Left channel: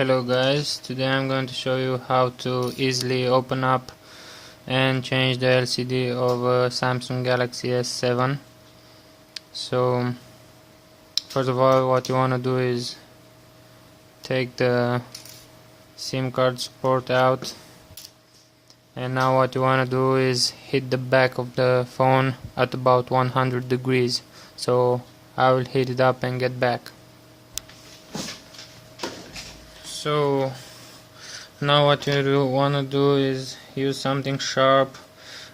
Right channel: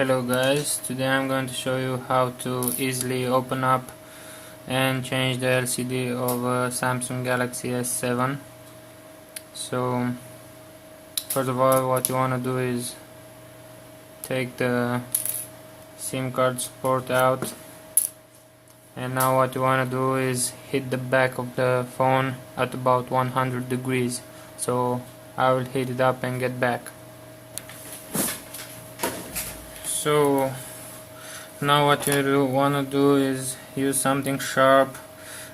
Hello guys, today I'm going to show you how to easily open up and change the LCD of a Samsung Galaxy S7. So first of all, what you want to do is take the SIM card support out, and now what you want to do is hit the back of the phone at about 100 degrees. So I will heat it up and get back. So now what you want to do is use something sharp.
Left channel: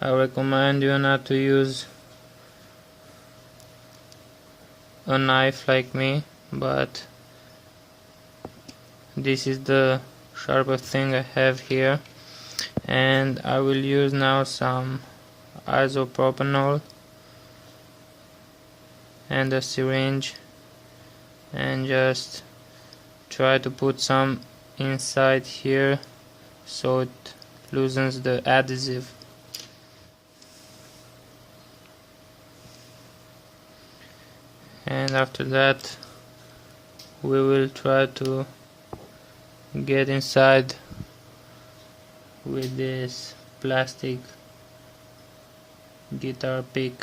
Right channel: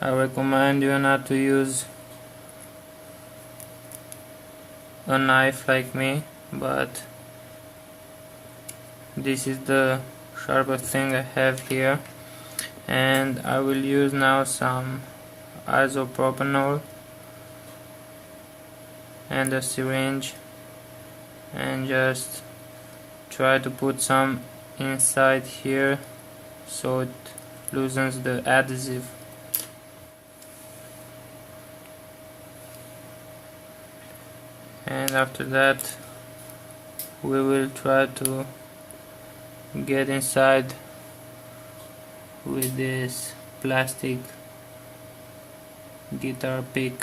I recommend you not to use a knife like me, but this is the sharpest thing I have here, and I will use now some isopropanol and a syringe and just try to put some inside here so it loosens the adhesive. And after that we will try to get inside with this plastic guitar pick.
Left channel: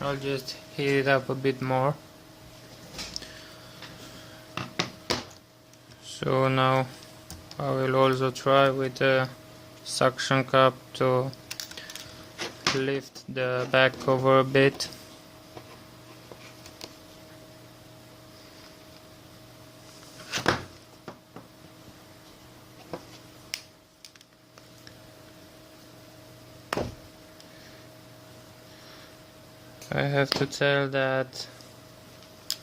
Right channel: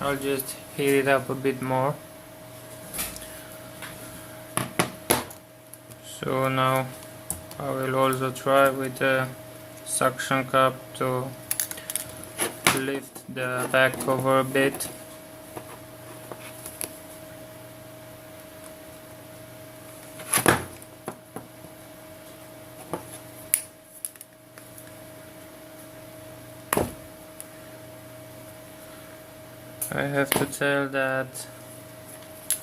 I'll just heat it up a bit more. So now I will also try with a suction cup to lift the back cover a bit. I have to tell that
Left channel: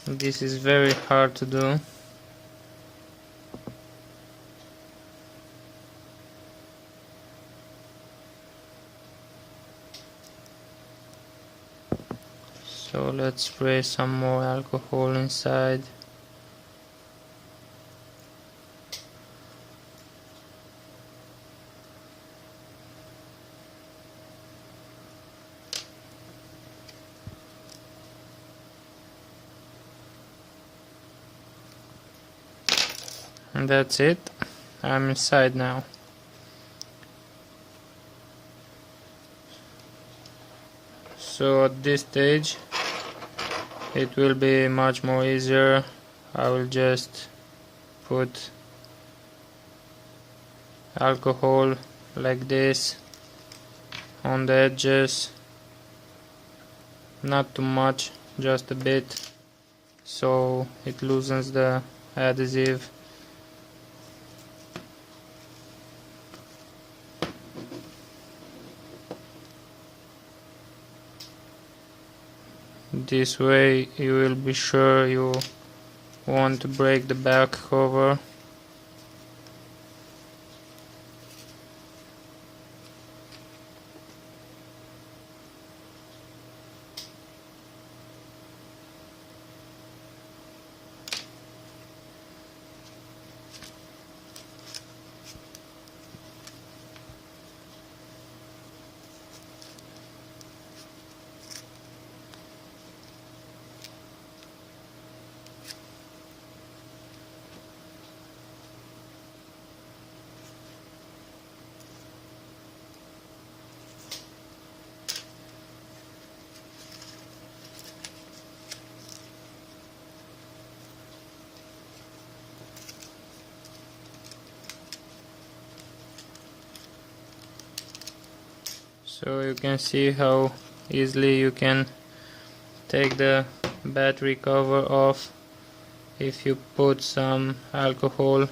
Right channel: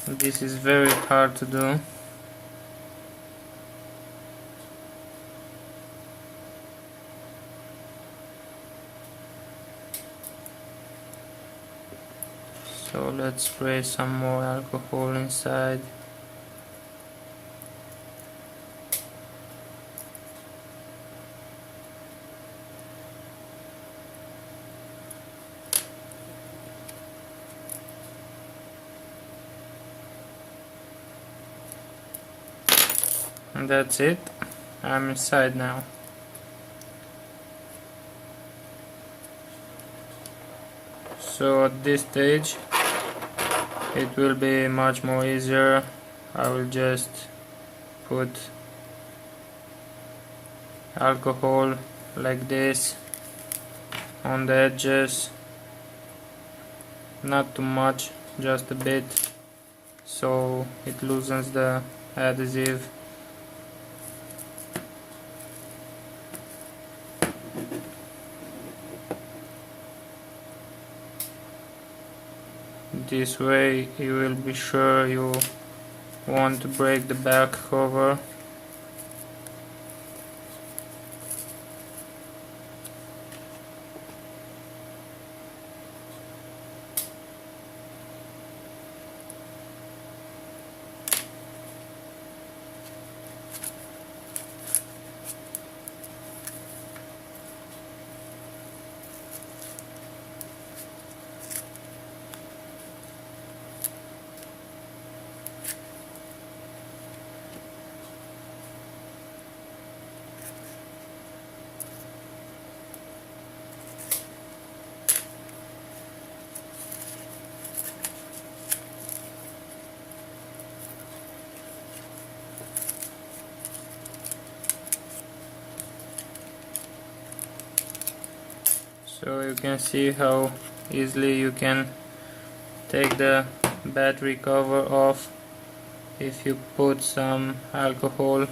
this is very hard to do. So let's spray some more alcohol inside. And that's it. I'm inside now. So at this stage it will be much more easier. I will just put alcohol like this on the edges, not too much, just a bit, so it loosens the adhesive. This way you will be sure you want to break the back cover. So you can see how easily you can take the battery cover off if you put some alcohol,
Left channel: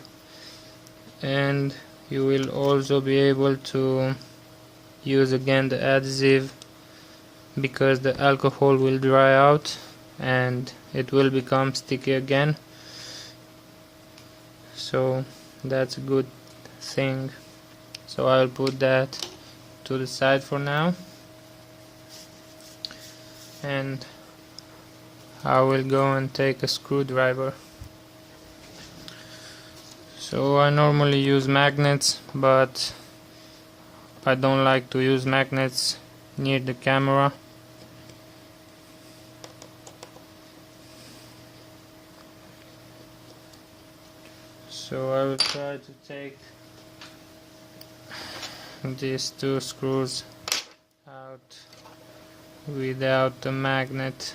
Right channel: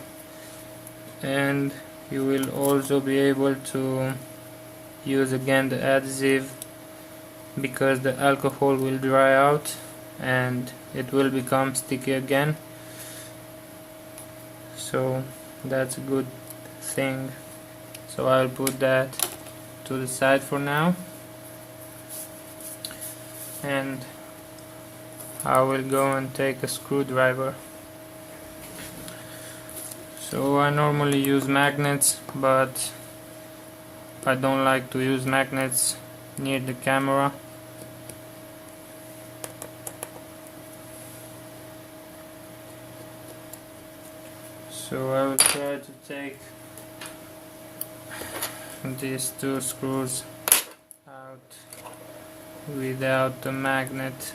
and you will also be able to use again the adhesive because the alcohol will dry out and it will become sticky again. So that's a good thing. So I'll put that to the side for now. and I will go and take a screwdriver. So I normally use magnets, but I don't like to use magnets near the camera. So I will try to take these two screws out without the magnet.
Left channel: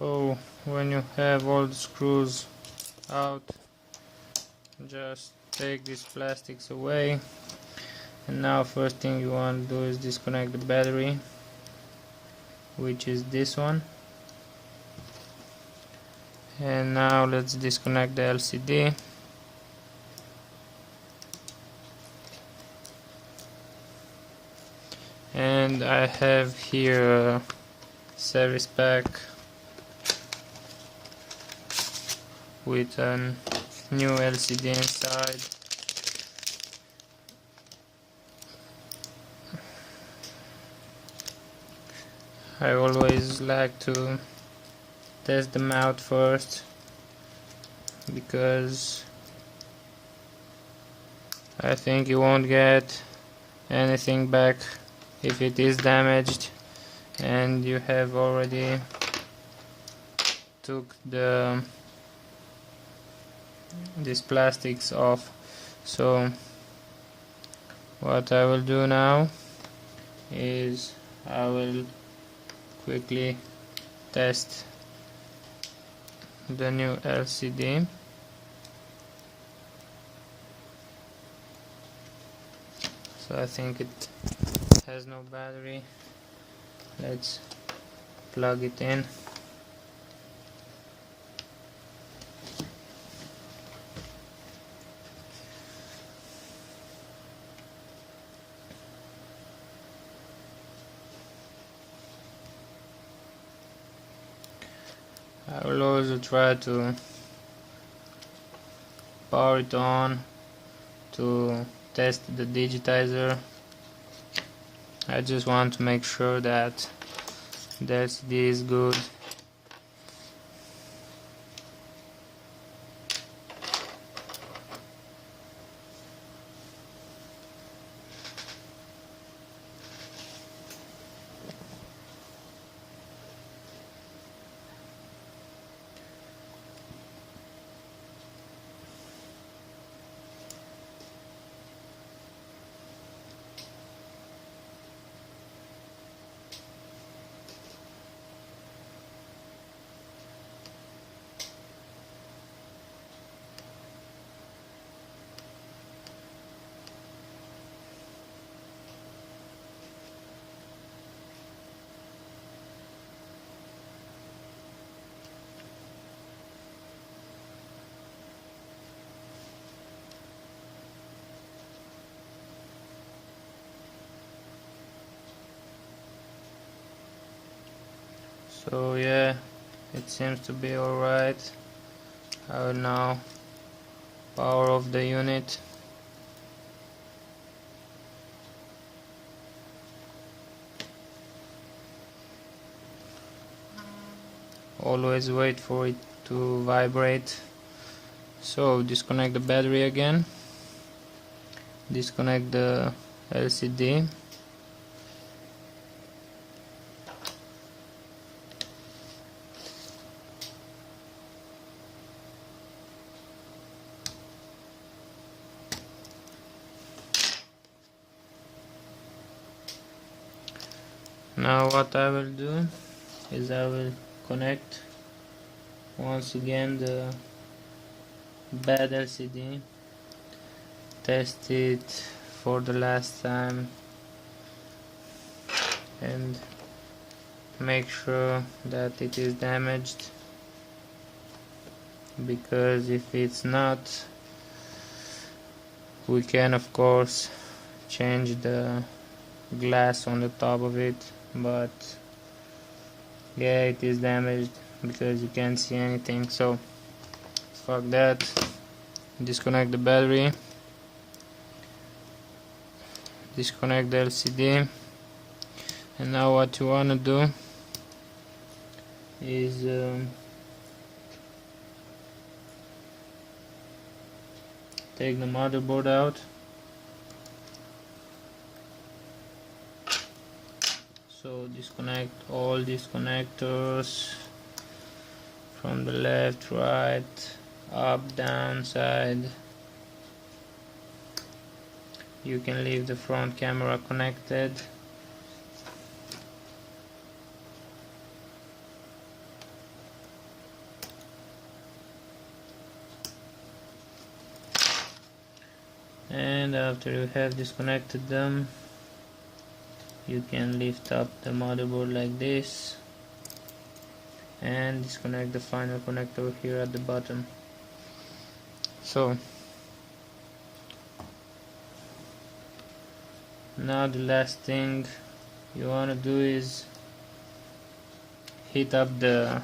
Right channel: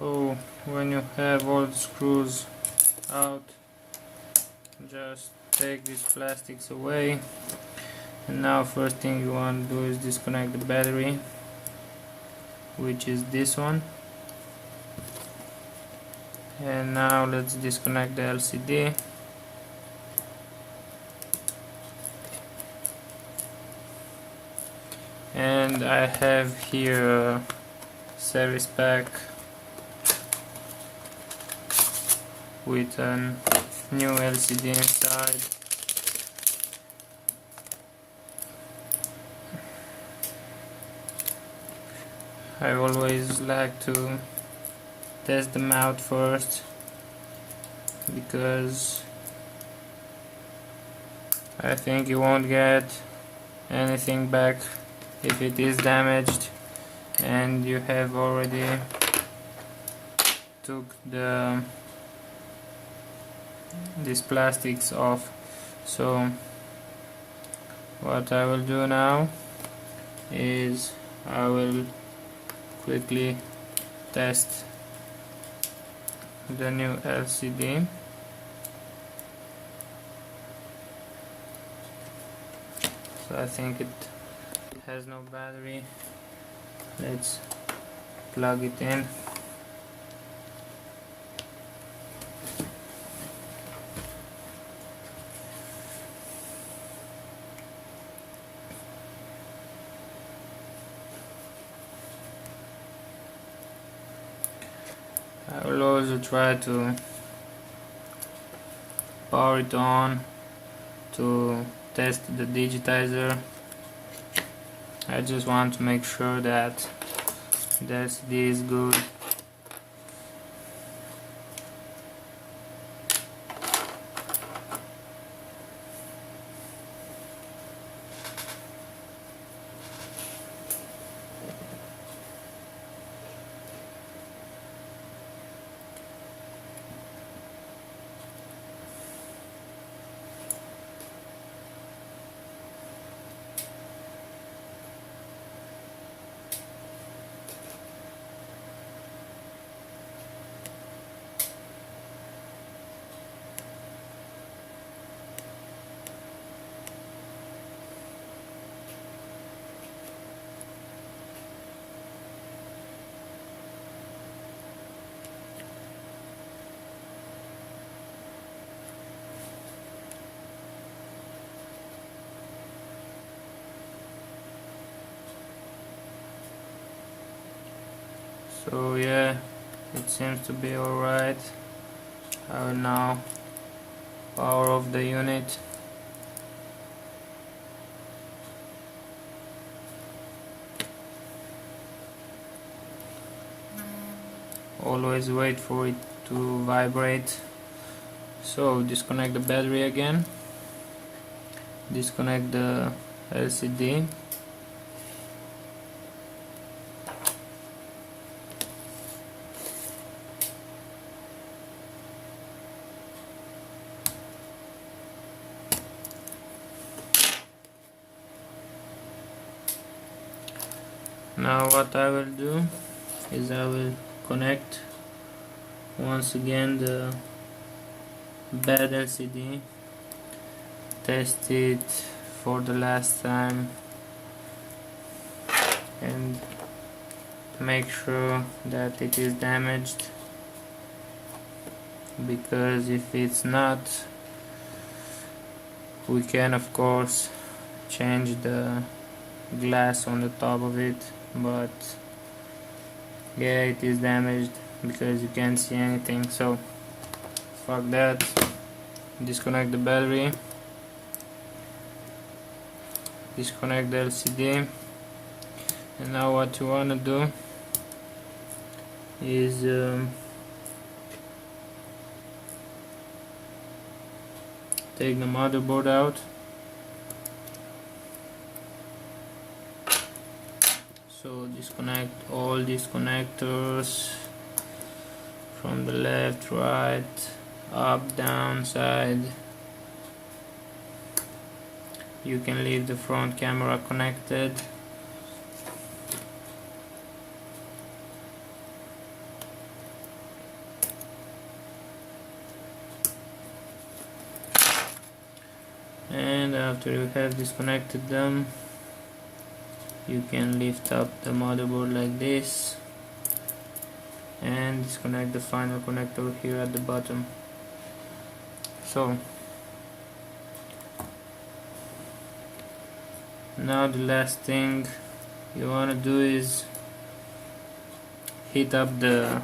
So when you have all the screws out, just take these plastics away. And now first thing you want to do is disconnect the battery, which is this one. And now let's disconnect the LCD. And I have here a service pack with a new LCD inside. I always like to test them out first, because I think you won't get anything back if it is damaged and you have already took these plastics off. So what I will do now is I will quickly test the new LCD. So I think it has no battery. Let's plug it in. I will also try to power it on to test the digitizer. I just want to make sure that the LCD is good. So yeah, it seems to be alright. I will now power off the unit. Always wait for it to vibrate. So disconnect the battery again, disconnect the LCD, now what I will do is I will connect once again the bad LCD, test it for the last time and make sure that it is damaged, because if it's not, we can of course change the glass on the top of it, but yeah, it is damaged because you can't see anything, so fuck that. Disconnect the battery, disconnect the LCD, and now what you want to do is take the motherboard out. So disconnect all these connectors from the left, right, up, down, side. You can leave the front camera connected. And after you have disconnected them, you can lift up the motherboard like this and disconnect the final connector here at the bottom. So now the last thing you want to do is heat up the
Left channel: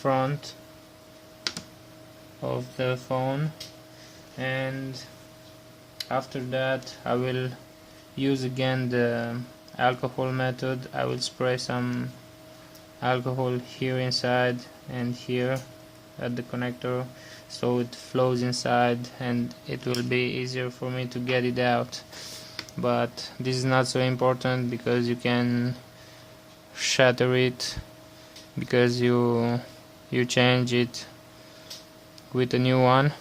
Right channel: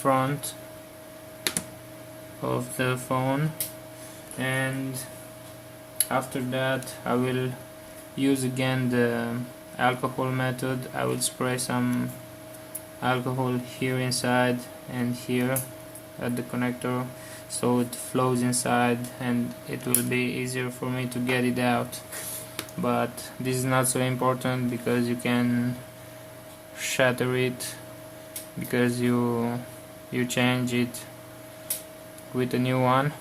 front of the phone, and after that I will use again the alcohol method. I will spray some alcohol here inside and here at the connector so it flows inside and it will be easier for me to get it out. But this is not so important because you can shatter it, because you change it with a new one,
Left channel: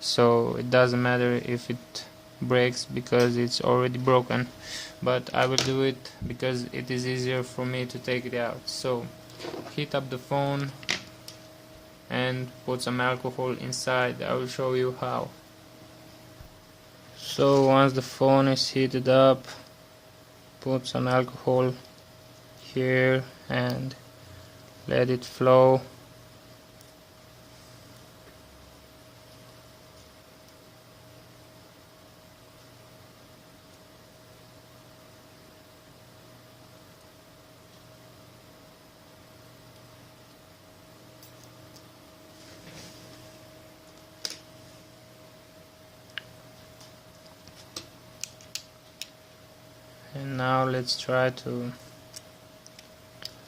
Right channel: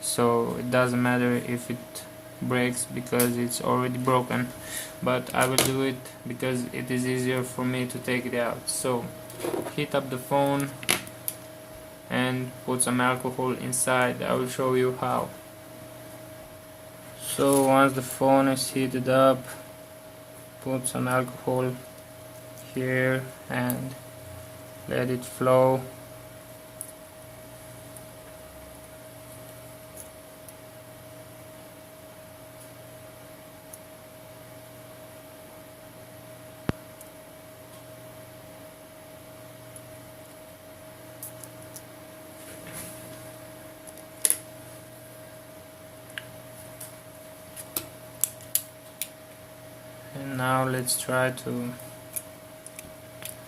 so it doesn't matter if it breaks because it's already broken. But I will do it because it is easier for me to take it out. So heat up the phone and put some alcohol inside. I will show you how. So once the phone is heated up, put some alcohol here and let it flow. And now let's try to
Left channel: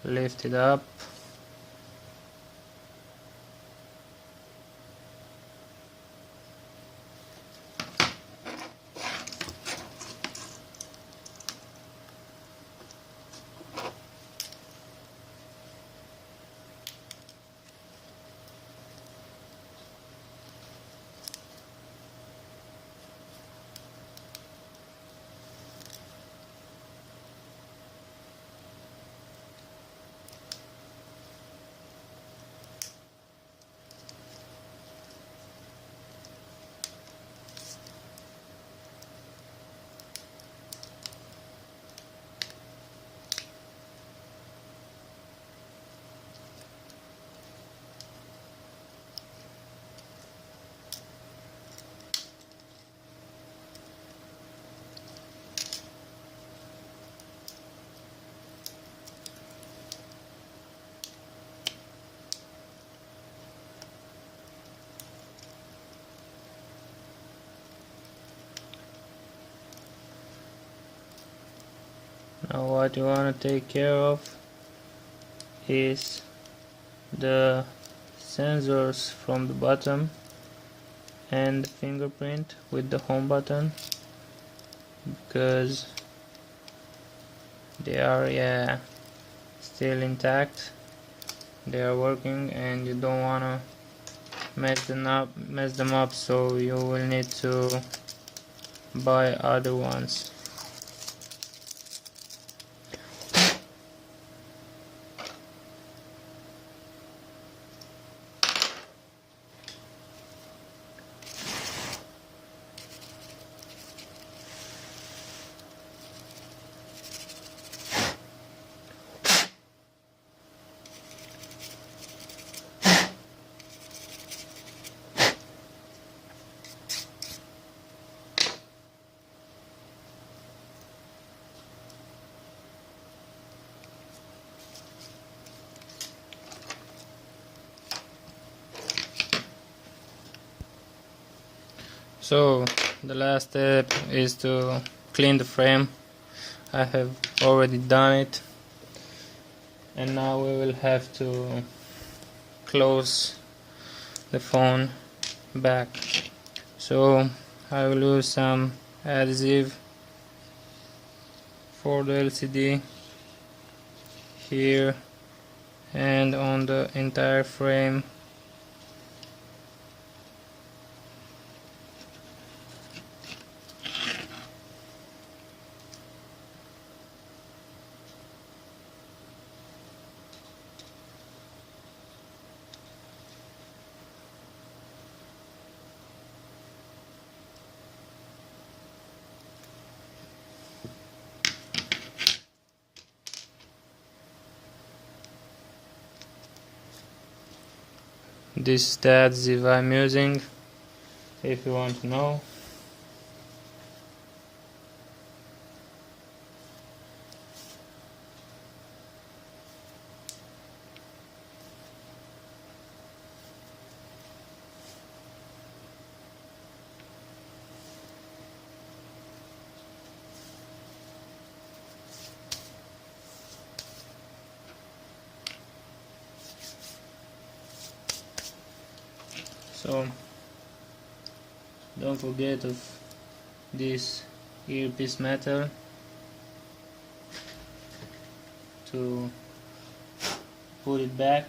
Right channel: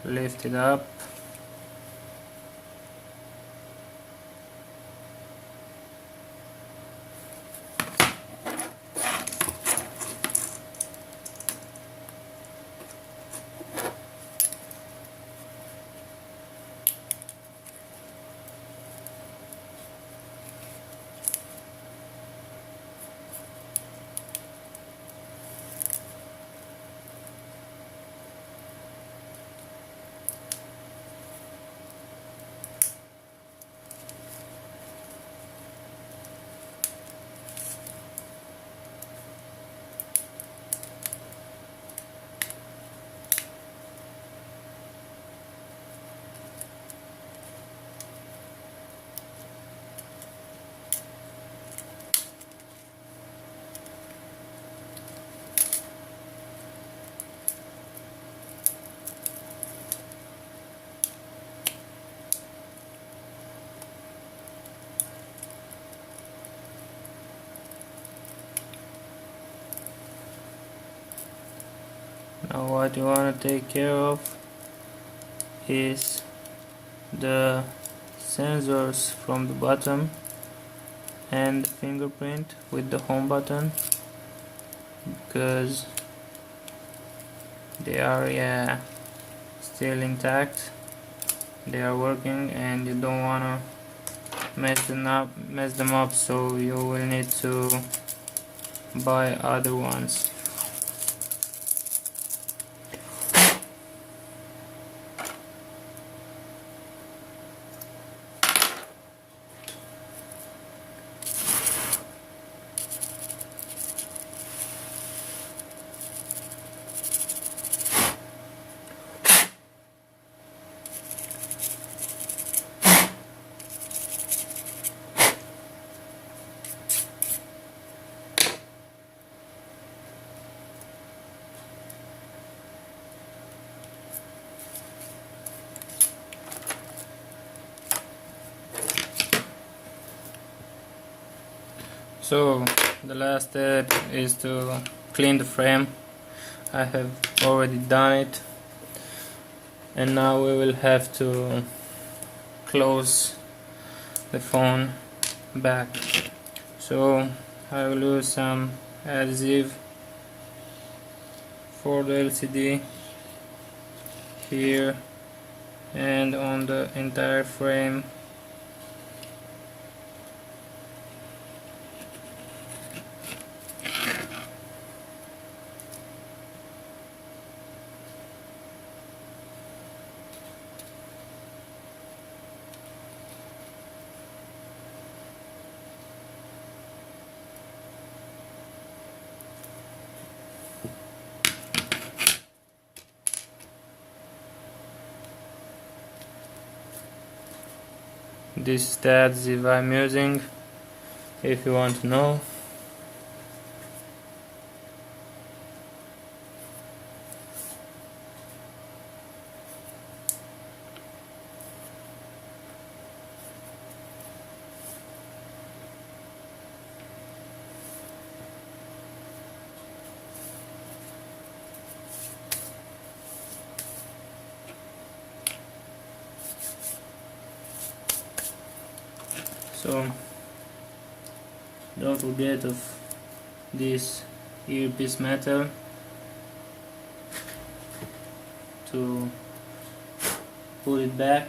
lift it up. Now what you want to take care of is the sensors from the bottom and fingerprint with the home button, because they are still intact, they are working, and you don't want to mess them up, so you will need to buy other ones. So the last step is to clean the frame. I have already done it, and now we will have to close the phone back. So I will use some adhesive for the LCD here and on the entire frame. This is the adhesive I'm using, if you want to know. So don't forget of this earpiece metal to put it back.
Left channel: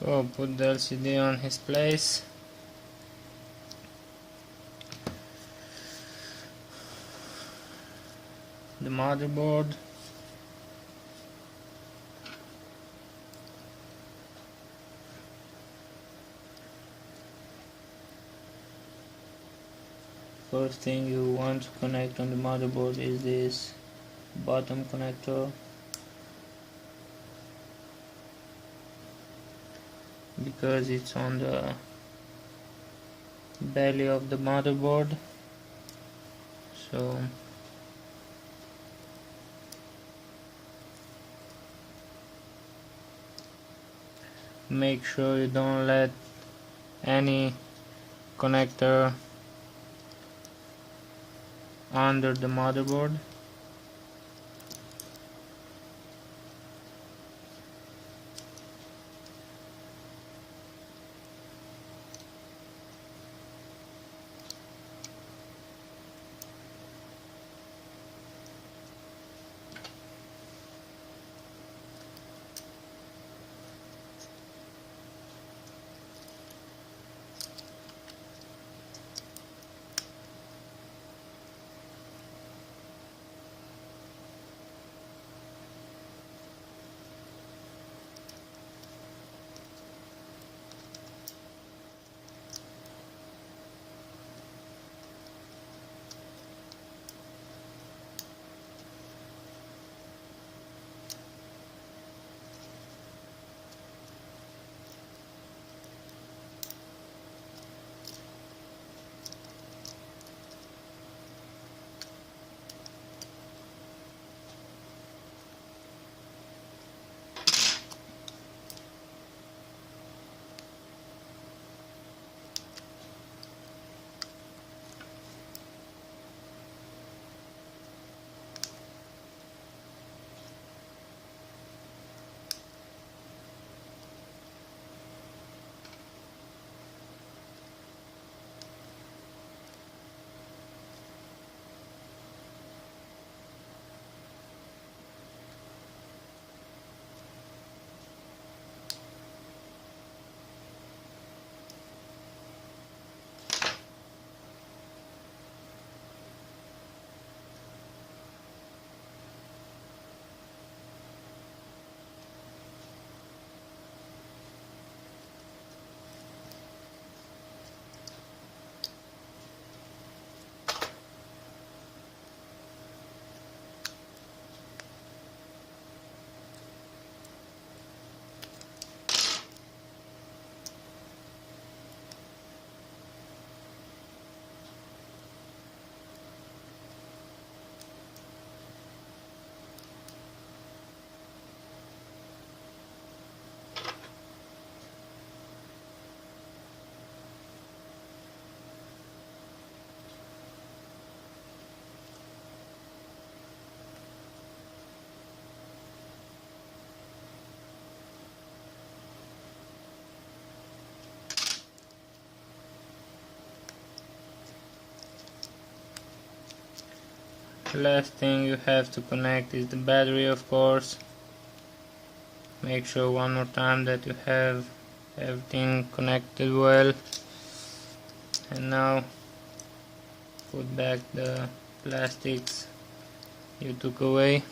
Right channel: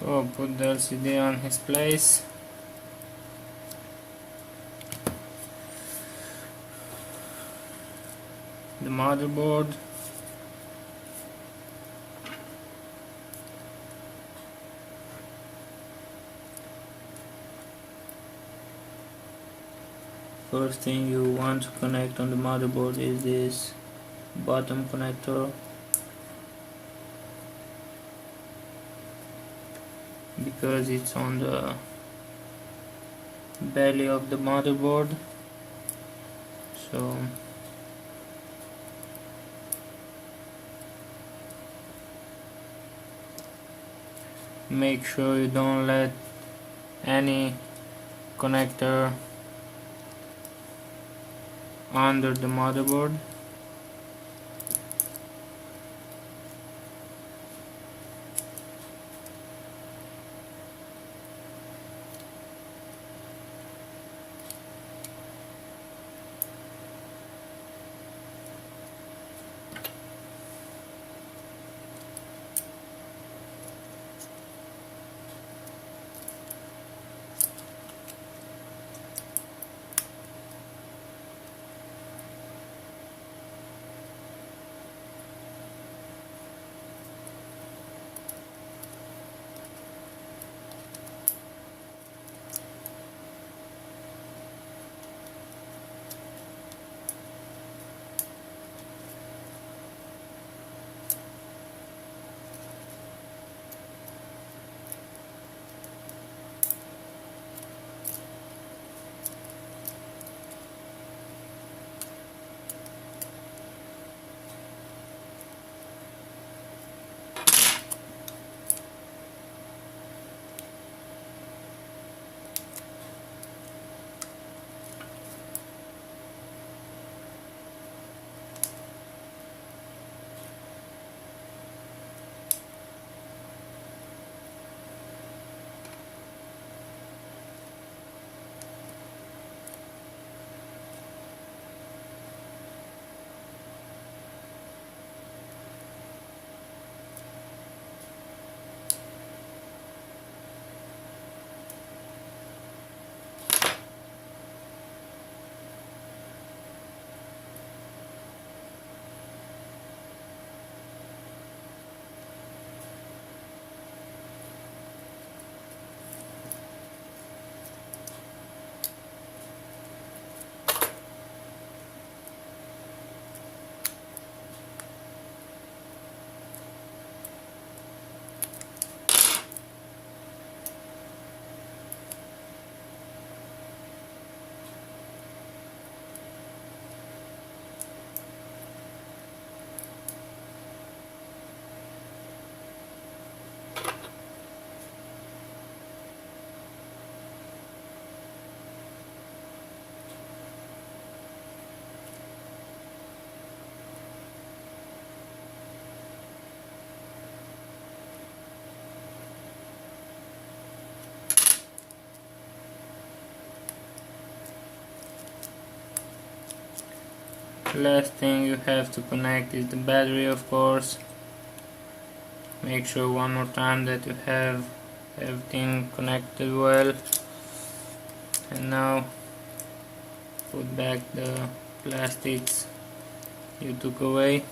So put the LCD on his place. The motherboard. First thing you want to connect on the motherboard is this bottom connector. because it's on the belly of the motherboard. So make sure you don't let any connector under the motherboard. Last thing you have to connect is the battery, of course. Make sure one more time that you have everything connected well. And now put back the plastics you took away.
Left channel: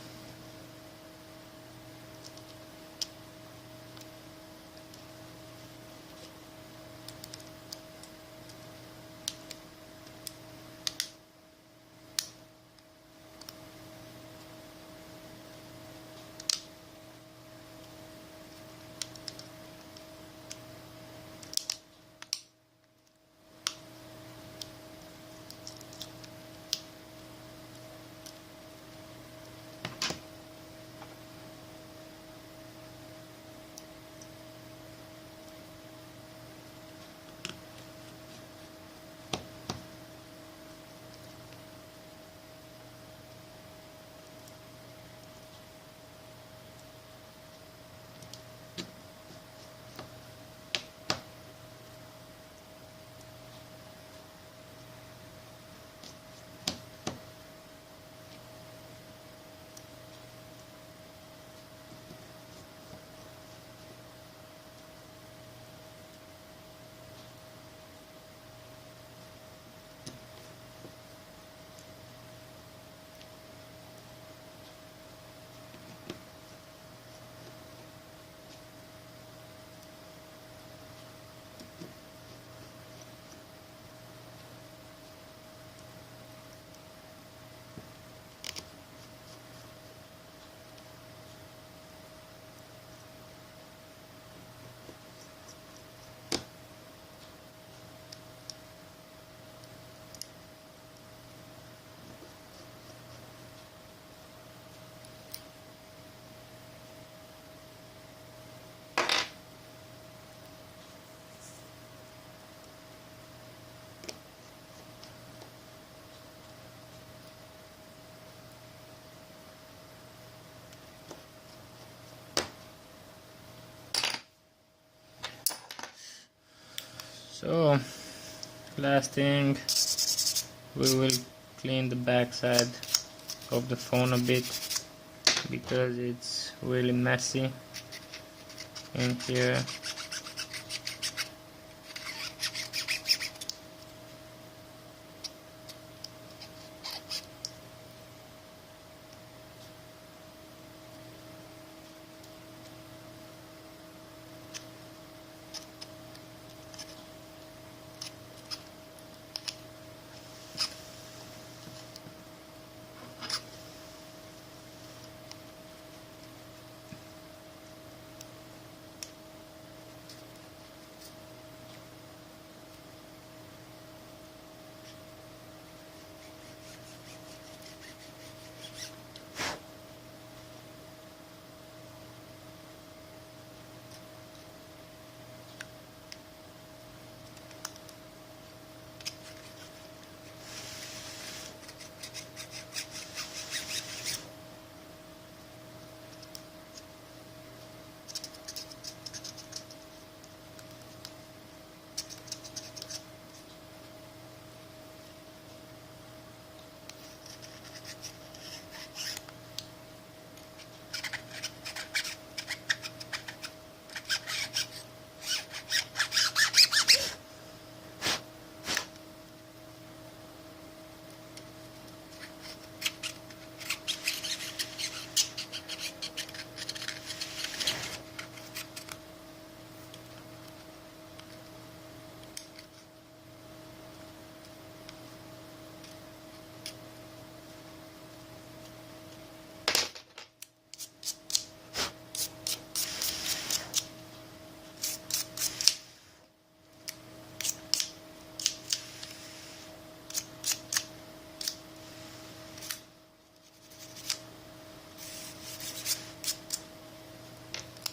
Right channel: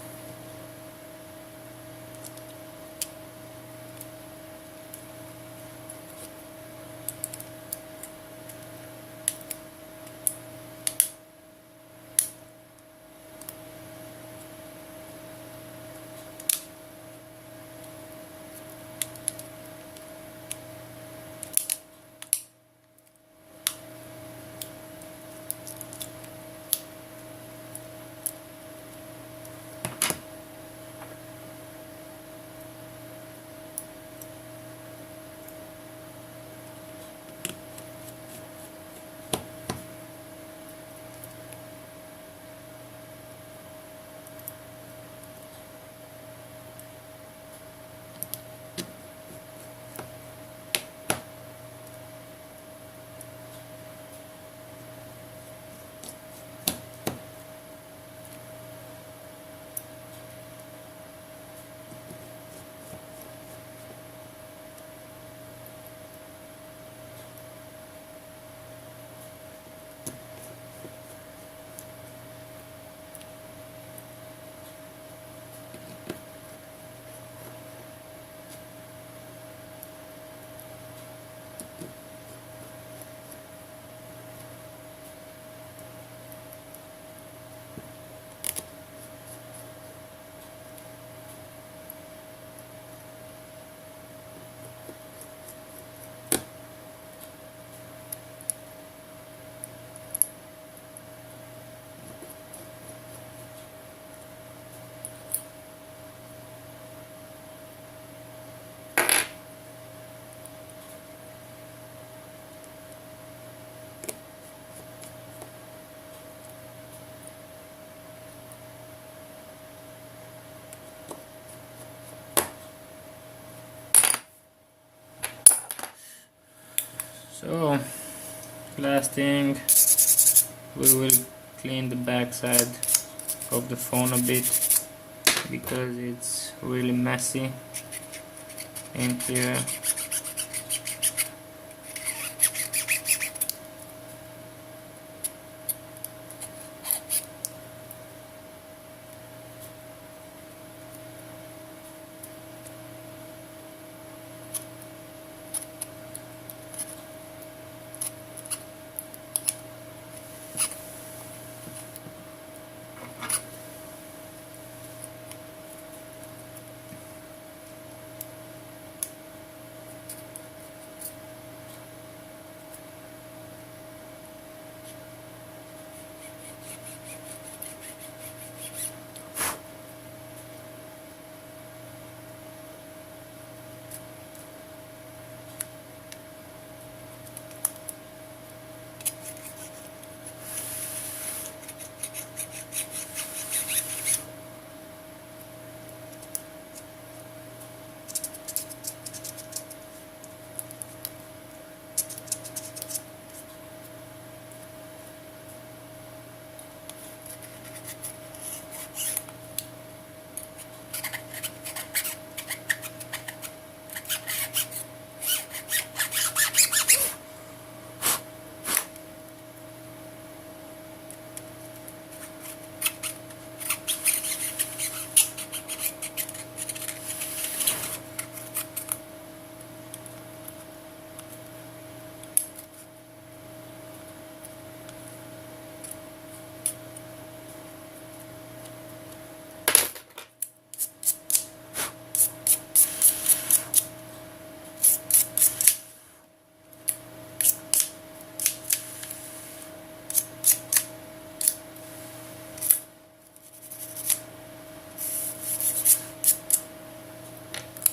So last thing, we will clean the back side of the phone a bit because it's really messy in here.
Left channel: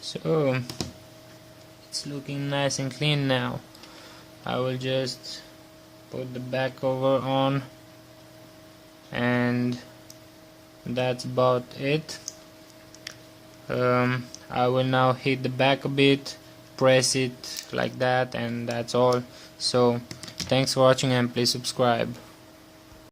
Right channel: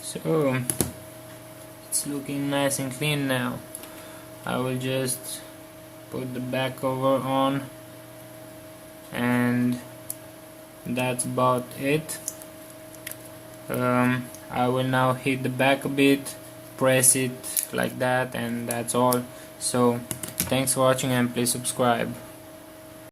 So it's looking nice and clean now. I will just put the back cover on, and that's about it. I will now hit the back a bit, press it like that, and that's all. So thanks for watching, and please subscribe.